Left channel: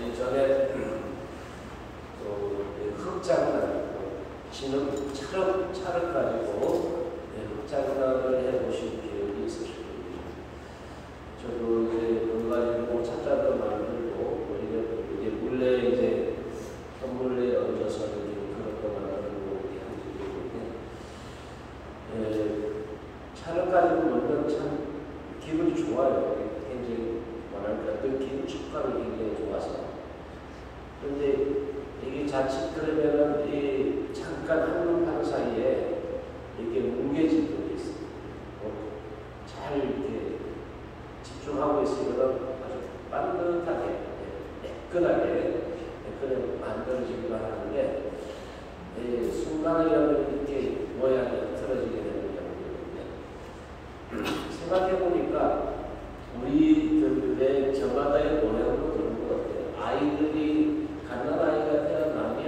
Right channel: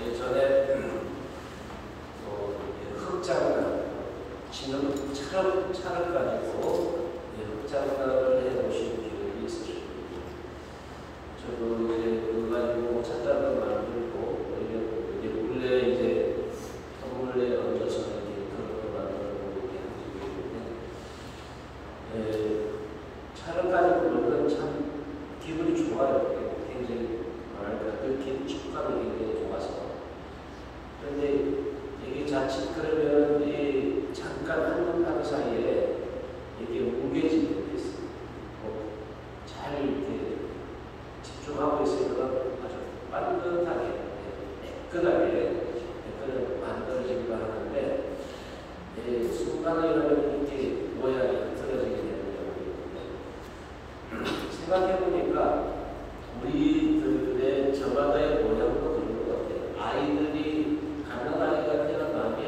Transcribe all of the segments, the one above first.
예전에 흑장난, 진흙 차를 가지고 흑장난을 해보신 기억이 있으실 겁니다. 저도 이제 그거 가지고 찻잔도 만들고 이제 물레 이제 선물에 얹어서 이렇게 그런 거 만들고 이렇게 한 적이 있는데, 차를 가지고 놀면 참 기분이 좋아요. 굉장히 뭐랄까 느낌, 촉감이 굉장히 좋아서. 그런데 이게 자칫 그러면은 이 잠깐 한 사이에 이게 뭉개질 때도 있어요. 잘 이렇게 집중하고 있으면 아주 반듯하게 매끈하게 만들어지기도 하는데, 순간에 이렇게 모양이 틀어지게 되는 경우가 있는데, 생각해보니까 우리들의 저마다의 모양은 그런 것 같아요. 아이들이 갓난아이가 태어나면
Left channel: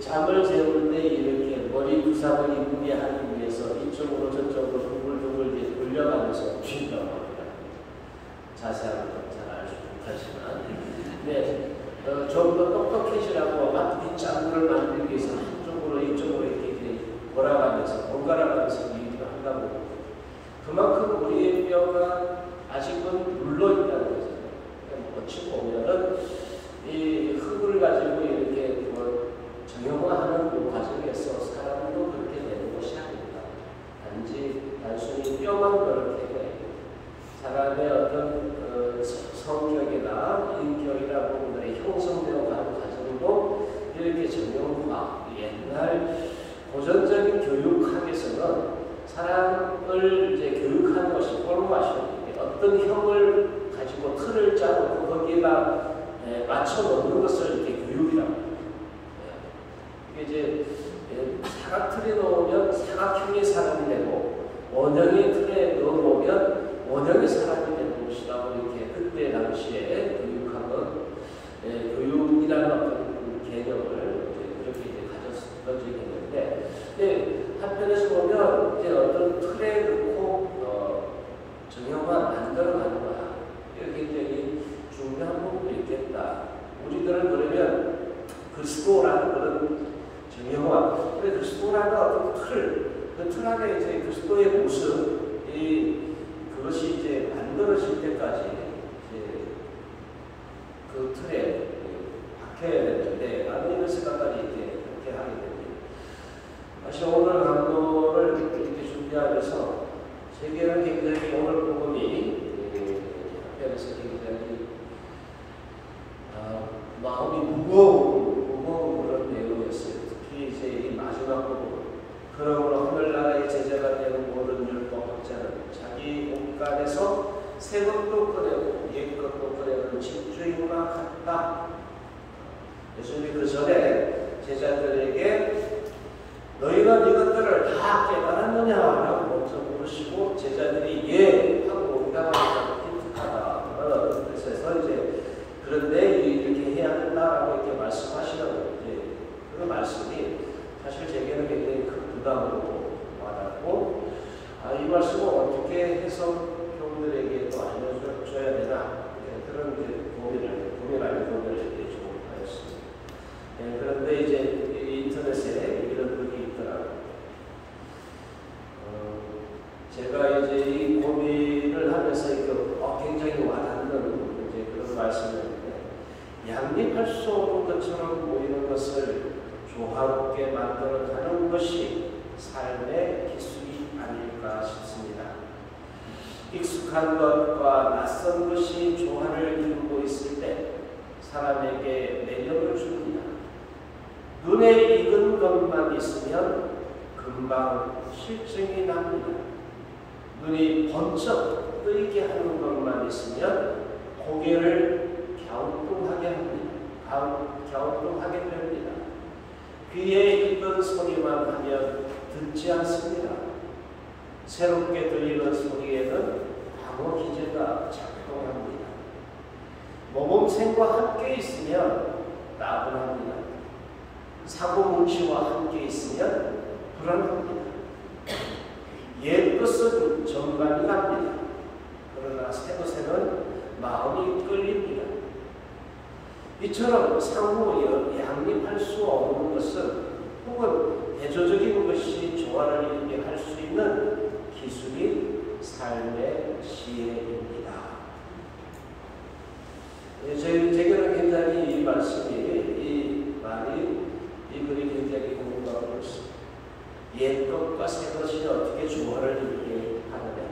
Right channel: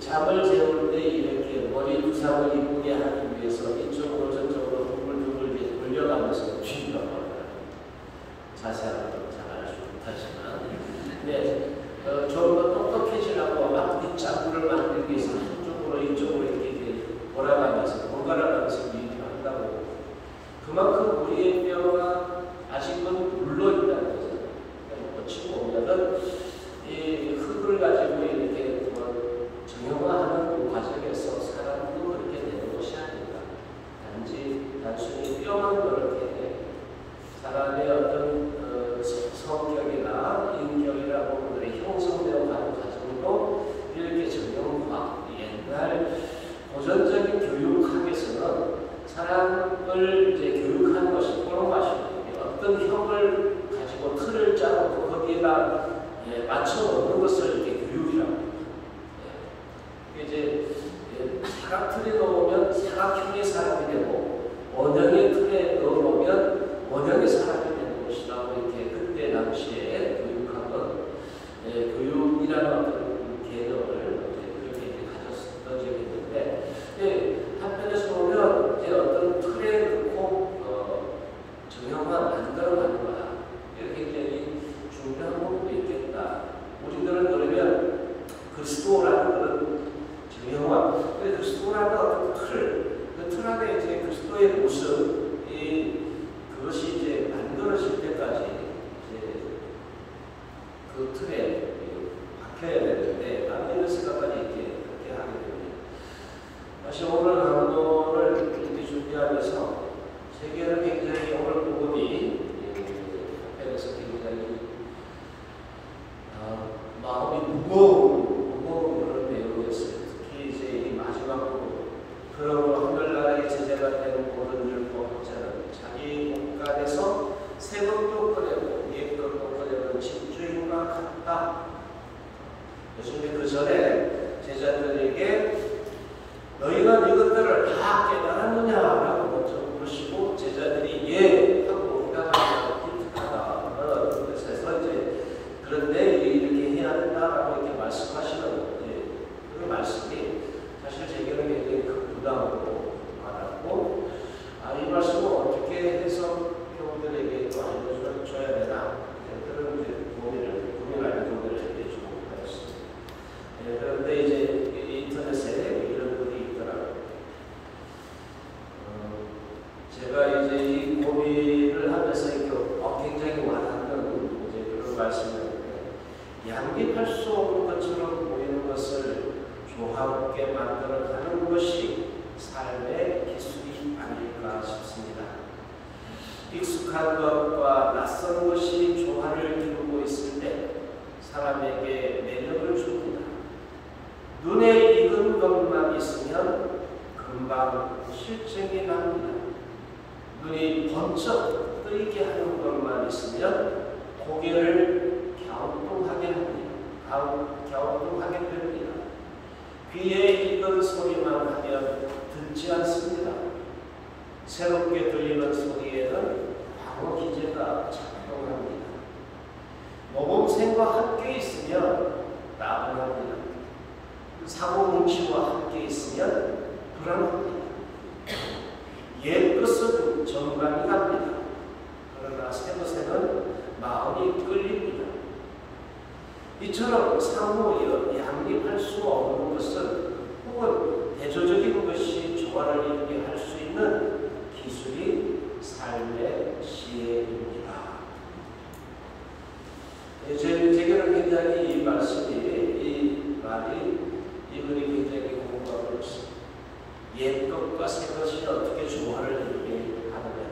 잠을 재울 때 이렇게 머리 두상을 이쁘게 하기 위해서 이쪽으로 저쪽으로 둥글둥글 이렇게 돌려가면서 쥔단 말이에요. 자세한 건 잘 알지 못하지만, 근데 좀 더 똑똑해지라고 앞뒤 짝을 만들기 위해서 한쪽으로 이쪽으로 이렇게 돌아가면서 번갈아가면서 일을 한다고. 그만큼 우리의 뼈가 아직은 물러있다는 거죠. 어찌 보면은 이 흙을 가지고 이렇게 정형화하는 과정에서 사람도 그렇게 되는 것이 아닌가. 단순히 뼈만 그렇게 사람의 어떤 성격이나 인격이라고 형성되어 가는 과정으로 이렇게 정형화, 옛날 고전적인 교육학에서는 사람을 이제 교육하는 것이 포르마션, 어떤 형을 가지고 틀을 짜놓고 거기에다 맞춰 놓는 것을 이렇게 교육이라고 합니다. 이제 사각틀에 넣으면 사각형의 사람이 되고 원형의 틀에 넣어놓으면 원형의 사람이 되는 것이라고 이렇게 그때 당시에 교육학은 교육이라는 어떤 개념을 그렇게 이제 가졌던 적이 있는데, 한편에서 보면 이제 어떤 틀에 넣고 정형화 만들어가는 거야. 이게 굉장히 중요한 부분도 있겠다. 우리들은 그러면 그리스도라는 그런 정형화, 그리스도라는 어떤 그 틀 안에 이제 그리스도의 모습, 그것이 이제 만들어질 때까지 이제 그 틀에 박혀야 되는데, 나는 이런 생각까지 그렇게 하게 됩니다. 다시 오늘 강도를 이렇게 준비하면서 세계는 굉장히 오늘 복음이 앞에서 굉장히 마음이 무거운 그런 내용이었어요. 특히 이제 이 마지막 부분, 그러므로 하늘나라의 제자가 되는 모든 율법자는 자기 옷간에서 새 것도 꺼내고 옛 것도 꺼내는 집주인과 같다. 예수님이 그 전에 제자들에게 너희는 이것들을 다 깨달았느냐라고 먼저 물으시고, 제자들이 예 하고 응답하니까 기특하다. 그래서 이제 그런데 이렇게 해야 된다라고 이렇게 말씀하시는 그 말씀이 사실 제게는 굉장히 큰 부담으로 말하고, 이 말씀을 어떻게 해서 교우들에게 또 알려줘야 되나, 그런 고민하는 부분을 좀 하였습니다. 그런데 이제 인터넷에 이런 분이 있더라고요. 제가 이제 이 고민을 하면서 굉장히 와닿는 이제 그런 말씀이었는데, 양립할 수 없는 것처럼 보이는 것을 조화롭게 만들어가는 것이 삶의 기술이 아닐까 싶습니다. 익숙한 것과 낯선 것이 조화를 이루고 있을 때 사람에게 매력을 줍니다. 눈에 익은 것만 있으면 금방 실증이 납니다. 눈이 번쩍 뜨이게 하는 것만 있으면 고개를 갸우뚱하게 됩니다. 귀에 익은 소리만 하면 듣지 않습니다. 새롭게 들리는 소리에는 광어 기제가 작동합니다. 모범생과 함께 있으면 나분합니다. 사고뭉치와 함께 있으면 불안합니다. 옛것은 정감이 갑니다. 그러나 새것에는 마음이 끌립니다. 이처럼 상호 양립할 수 없는 것은 혹은 대조적인 것이 조화를 이루게 할 수 있는 기술이 삶의 지혜입니다. 제게는 굉장히 이 말씀이, 이 말이, 이 글이 굉장히 공감을 했습니다. 옛 것과 새 것이 어떻게 조화를 이루게 하느냐.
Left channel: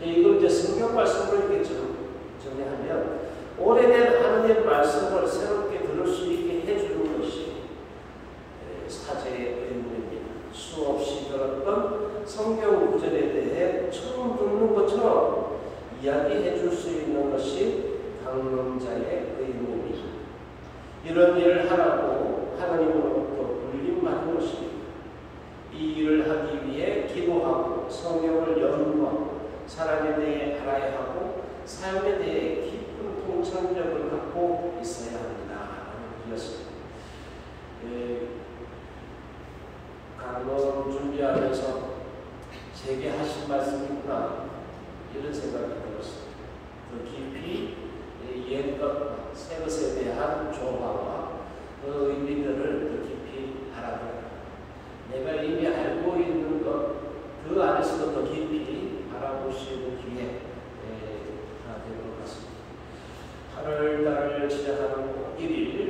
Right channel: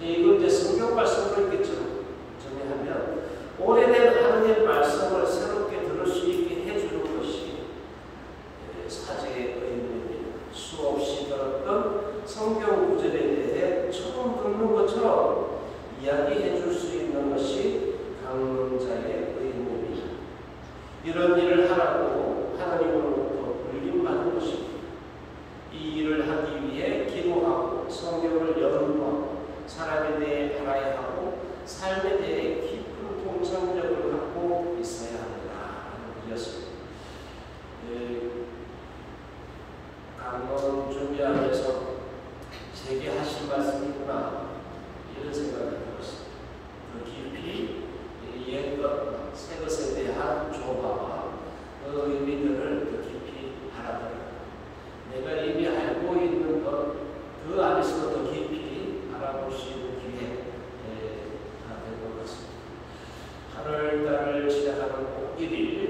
이걸 이제 성경 말씀으로 이렇게 정리하면, 오래된 하나님의 말씀을 새롭게 들을 수 있게 해주는 것이 사제의 의무입니다. 수없이 들었던 성경 구절에 대해 처음 듣는 것처럼 이야기해 줄 수 있는 것이 강론자의 의무입니다. 이런 일을 하라고 하나님으로부터 불림받은 것입니다. 이 일을 하기 위해 기도하고 성경을 연구하고 사람에 대해 알아야 하고 삶에 대해 깊은 통찰력을 갖고 있어야 합니다라는 것이었습니다. 강론 준비하면서 제게 하신 말씀이구나 이런 생각이 들었습니다. 그 깊이 옛 것과 새 것에 대한 조화와 그 의미들을 더 깊이 알아보라. 내가 이미 알고 있는 것 그 안에서 더 깊이 알아볼 수 있는 기회가 된 것 같습니다. 8월달을 시작하는 1일